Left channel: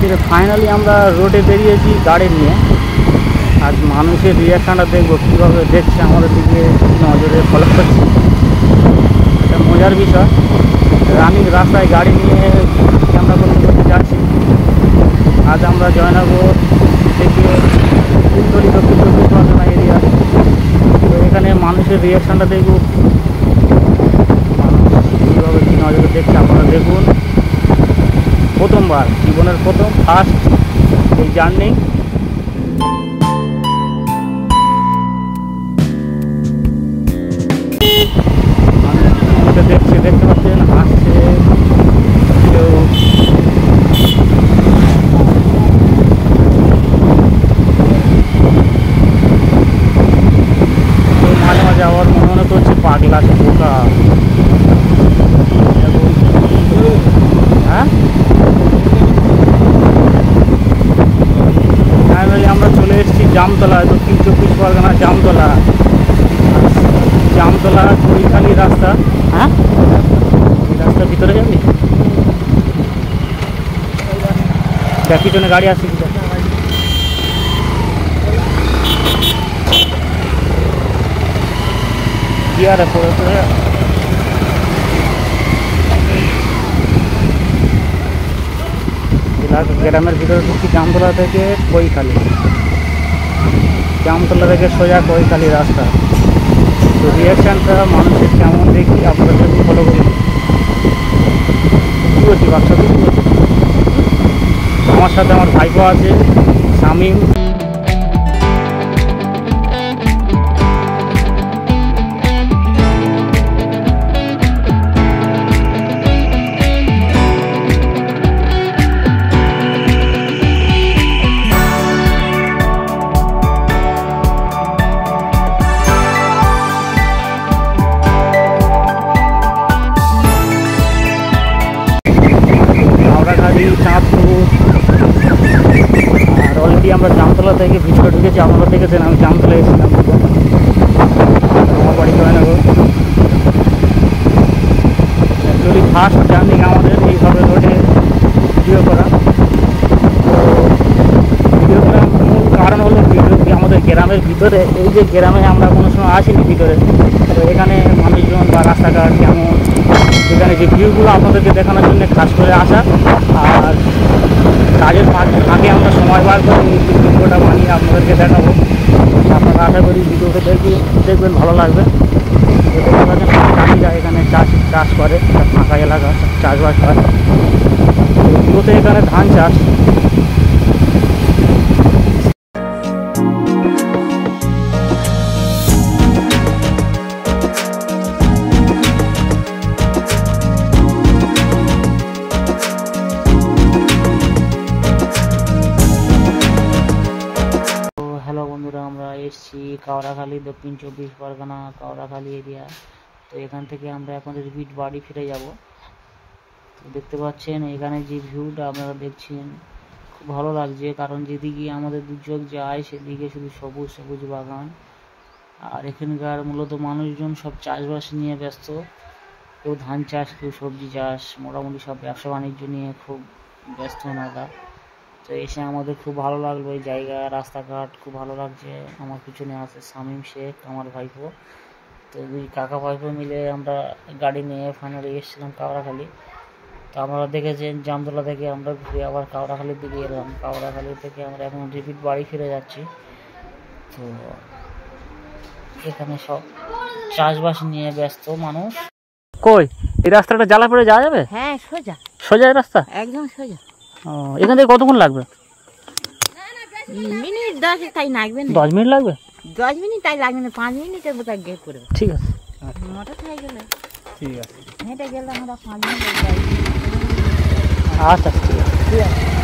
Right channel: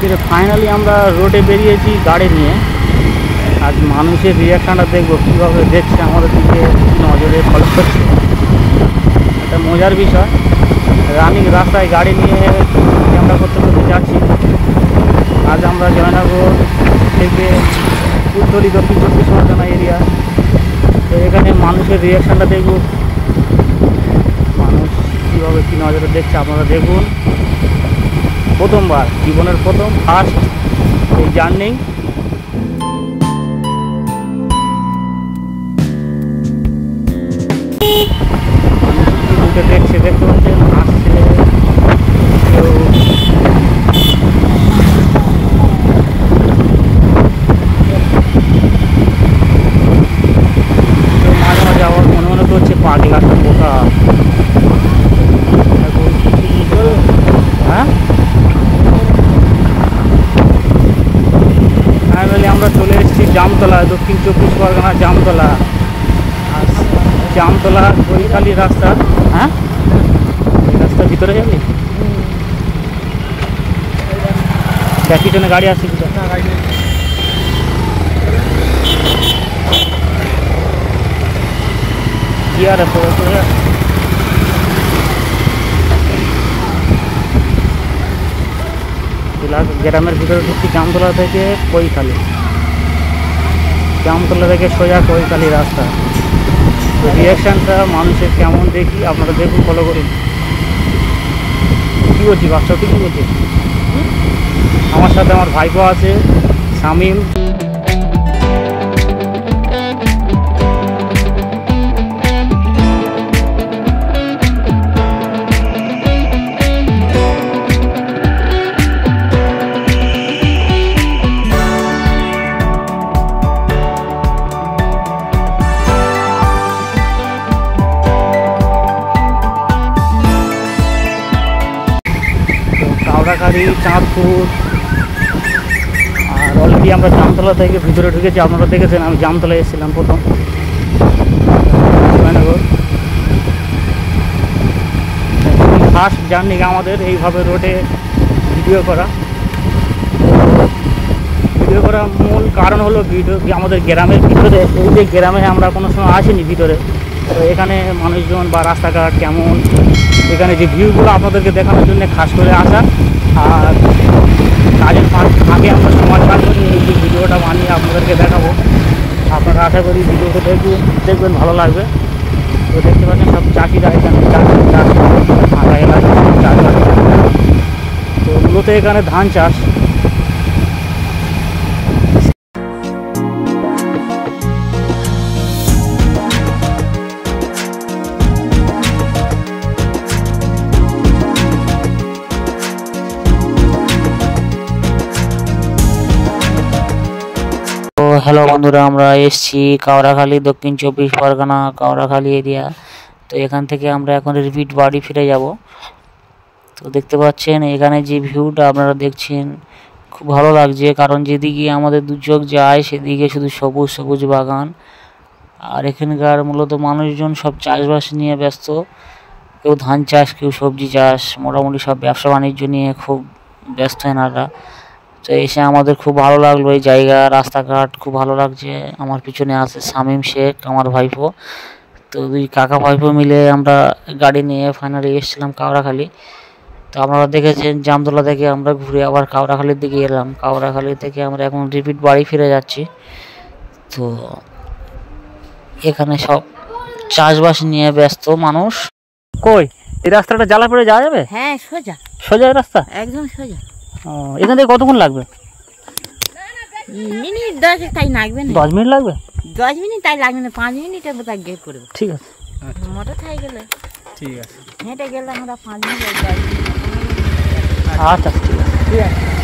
আজকে ফাইনালি আমরা রোডে বেরিয়েছি গাড়ি নিয়ে। আজ মানুষের রিয়াকশানটা দেখবো, কীভাবে দেখছে আমাদের দিকে, কী নজরে ফলো করছে। একটা মজার বিষয়, রানিং রাস্তায় গাড়ি নিয়ে ক্যামেরা করতে করতে যাচ্ছি। আজ আমরা জয়নগর থেকে ফুলতলি দক্ষিণ 24 পরগনা এরিয়া। তো এখানে মানুষের রিয়াকশানটা দেখব, মানুষ কীভাবে কী নজরে দেখছে আপনারা দেখুন। প্রথমবার জীবনের ফার্স্ট এই জার্নি। মানুষ কী মুখে দেখছে দেখতে পাচ্ছেন, হাসছে, কেউ মাঝে মাঝে আবার মনে করছে পাগলা বোকা। হ্যাঁ, ফাইনালি আমরা চলে এসেছি জামতলা, দক্ষিণ 24 পরগনা জামতলা। জামতলা কৈখালি রাস্তা। হ্যাঁ, এই রাস্তার ভিতরে যাবি? দেখ পিছনে গাড়ি আসছে, পিছনে কি আর পড়ে পড়ে। গ্রামের ভিতরে ঢুকছি জামতলা থেকে কৈখালি, জামতলা থেকে সোজা কৈখালি রাস্তা। তো রিয়াকশানটা মানুষের কেমন দেখি আপনারা দেখুন, ফলো করুন। কী বলছি বাচ্চাকে, কী বলছি? আমার সাথে আমার ভাইপো আছে শামীম। কাউরাখালী, চাঁদপুর। আর অলরেডি আমরা জামতলা থেকে ভিতরে ঢুকেছি, আপনারা দেখেছেন আমি জামতলায় এসেছিলাম প্রথম। জয়নগর অ্যাকচুয়ালি ফার্স্ট জার্নি আমাদের এইভাবে রোডে ভিডিও করা। তো ভিডিও করার মূল কারণ হলো আমাদের গ্রামের ভিতরে, এই যে গ্রামে আমরা কোনো সময় আসিনি ভিতরে। তো এখানে মানুষজন বা রাস্তাঘাট কেমন, এখানে যে ভিউগুলো আপনাদেরকে দেখানোর জন্য খাস করে আসা। আর কাজের ফাঁকে আমরা সময় বার করে এই যে ভিডিওটা বানিয়ে আপনাদেরকে দেখাবো। আপনারা আশা করি ভিডিওটা দেখবেন, ভালো লাগবে। তো দেখতে পাচ্ছেন চাষিরা এখানে চাষ করে, ফাঁকা এলাকা চাষবাস করে। তো মূলত এখানে ধান চাষ। হ্যালো বন্ধুরা, আমরা এসেছি কাউরাখালী, দক্ষিণ 24 পরগনা কাউরাখালী এরিয়া। তো এখান থেকে আমরা এখন রিপিট বাড়ি ফিরে যাব। তো দেখতে পাচ্ছেন এখানে যে ভিউটা আপনারা দেখছেন, খুব ভালো লাগছে। কারণ যেদিকে আমাদের দু চোখ যায় সেদিকে শুধু সবুজ সবুজ বাগান। আর এখানকার মূলত মানুষজন সব চাষবাস নিয়ে ব্যস্ত, কেউ ধান চাষ, কেউ সবজি চাষ, মোটামুটি সব ব্যবসা বাণিজ্য নিয়ে খুব ব্যস্ত এনারা। তো এসে আমাদের খুব ভালো লাগলো, এই জায়গা, রাস্তাঘাট খুব ভালো লাগছে। আমার পিছনে আছে শামীম শেখ, আমার ভাইপো। তো দুই কাকা ভাইপো মিলে আমরা গাড়ি নিয়ে ফাইনালি এসেছিলাম কাউরাখালী। তো আপনারা দেখেছেন জামতলা থেকে আমরা ঘুরে আবার কাউরাখালীর দিকে এলাম। কাউরাখালী থেকে আমরা এখন রিপিট বাড়ি ফিরে যাচ্ছি। তো এখানে সব চাষবাস নিয়ে ব্যস্ত মানুষ। কই এই রাস্তাটা জ্বালা পড়ে যাওয়া যাবে? হ্যাঁ, সোজা সোজা রাস্তা, একদম সোজা। এখান থেকে কতক্ষণ লাগবে? মিনিট 10 তাই লাগবে না। 10 মিনিট লাগবে? 10 মিনিট তাই লাগবে না, 5 মিনিটের মতো গিয়ে করবে। ঠিক আছে, মোটর সাইকেলে ঠিক আছে, হেঁটে গেলে আমরা 5 মিনিট লাগবে। আচ্ছা ঠিক আছে, ঠিক আছে।